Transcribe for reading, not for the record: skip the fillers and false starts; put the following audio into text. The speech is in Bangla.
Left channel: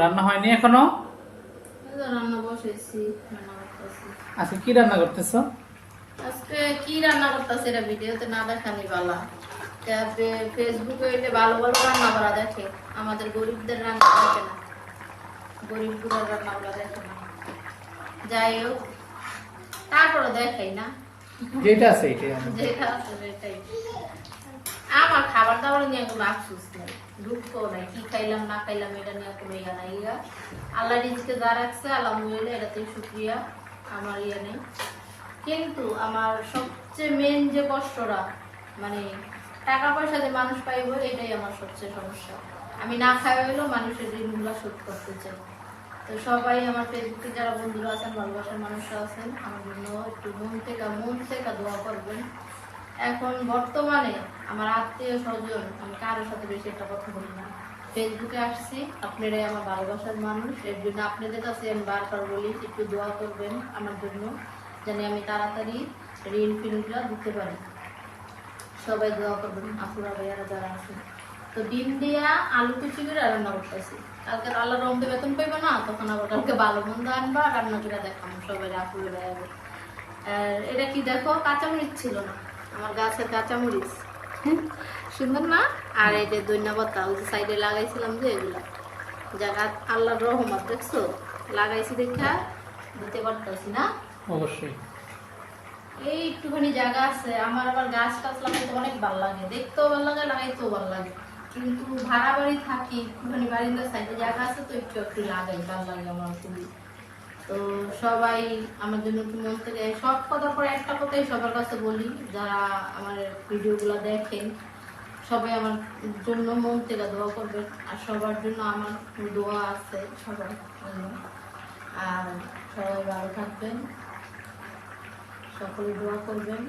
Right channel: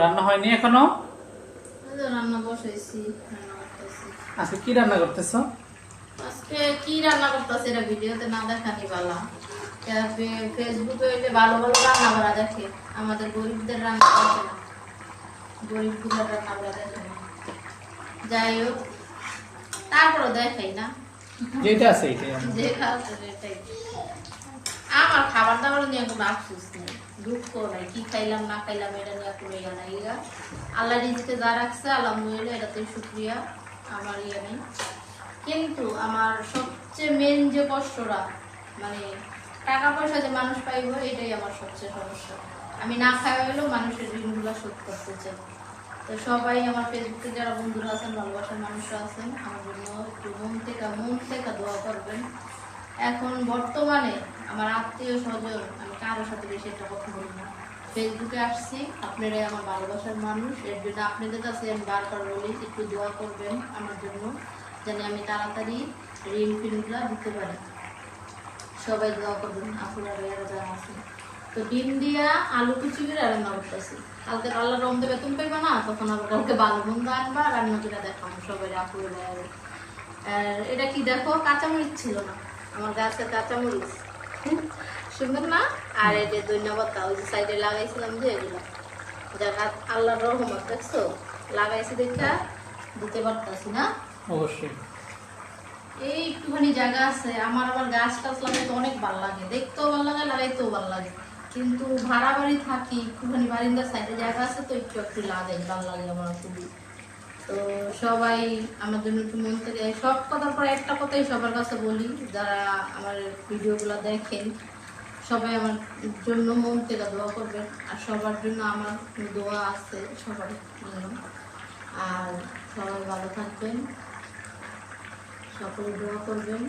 রান্না হয়নি এখনো? রান্না বসাইছি, রান্না করতেছি। আজকে কি রান্না করতেছো? আজকে কি রান্না করতেছি এটা ভিডিওতে না দেখানি বালা। ফেসবুকে হইলে ভালো ভালো রান্না করা দেখে, আমাদের গরিবদের রান্না দেখে না, গরিব গুলার রান্না করা দেখে না। যাই হোক, তারপরে দেখাই না, যেটা আছে এটাই যেটা আছে সেটাই। আমার খাবার দাবার নিয়ে কোনো আফসোস নেই, দুঃখ নাই, কি খাইলাম না খাইলাম এটা নিয়ে কোনো ইয়া নাই। ইয়া আল্লাহ রিজিকে যা রাখছে আলহামদুলিল্লাহ, এটাতেই শুকরিয়া, আমার ইয়ে নেই। কিন্তু আমার সবচেয়ে মেন যে কষ্টটা, মানে টাকা পয়সা যে মানুষ পাইব, এটাই আমার সবচেয়ে সমস্যা। আমি না খাওয়া হলেও মানুষের ঋণগুলো শোধ করতে চাই। তো সবাই আমার ফেসবুকে যারা বন্ধুরা আছেন, ভালোবাসার মানুষরা আছেন, আমার জন্য একটু মন থেকে দোয়া করবেন। এখন বর্তমানে আমার আত্মীয় স্বজন, আমি কারোর সাথে বেশি একটা কথা বলি না। ফেসবুকে আসছি, আপনারাই আমার ভালোবাসার মানুষ, এর জন্য আপনাদের কাছে আমি বারবার বলি একটু দোয়া করবেন আমার জন্য, যেন আমি তাড়াতাড়ি ঋণ ফিনগুলো দিতে পারি। সবাই দোয়া করবেন, আপুরা ভাইয়ারা যারা আছেন। তো ডিম দিয়া আলু কুচি করে রান্না করতেছি। কালকে আল্লাহ রমতে বেতন পাইবে না, তখন আবার কালকে ভালো মন্দ আনবা, রান্না করে দেখাম সবাই, আপুরা ভাইয়ারা। এটা কি দেখো, কাঁচামরিচ ছিল না আমার গাছে, কাঁচামরিচ সুন্দর না। আর এই যে ধন্যবাদ ওই যে সাইডে লাগাইছিলাম যে এগুলো, যারা আল্লাহর রহমত দেখছো, লাগাইছি দেখা দিতে পারতাছি না। অবশ্যই এই একটুখানি জায়গা আছে আমার, আবার গাছ টাছ লাগাইতে অনেক ভালো লাগে, দেখতেও ভালো লাগে, লাগাইতেও ভালো লাগে। কিন্তু ভাড়া বাড়ি থাকি, একটুখানি বারিন্দার সাইডে জায়গা আছে, তো একটু একটু লাগাই, ভালো লাগে আমার খুবই। তো সবাই আমার জন্য একটু মন থেকে, সব কথার পরে একটা কথাই সবার কাছে বলি, যারা আমার ভিডিওগুলো দেখেন সবাই আমার জন্য মন থেকে দোয়া করবেন। আর সবার জন্য আমার দোয়া আছে সবার জন্য। আর সবাই ভালো থাকবেন, সকলে দোয়া করবেন।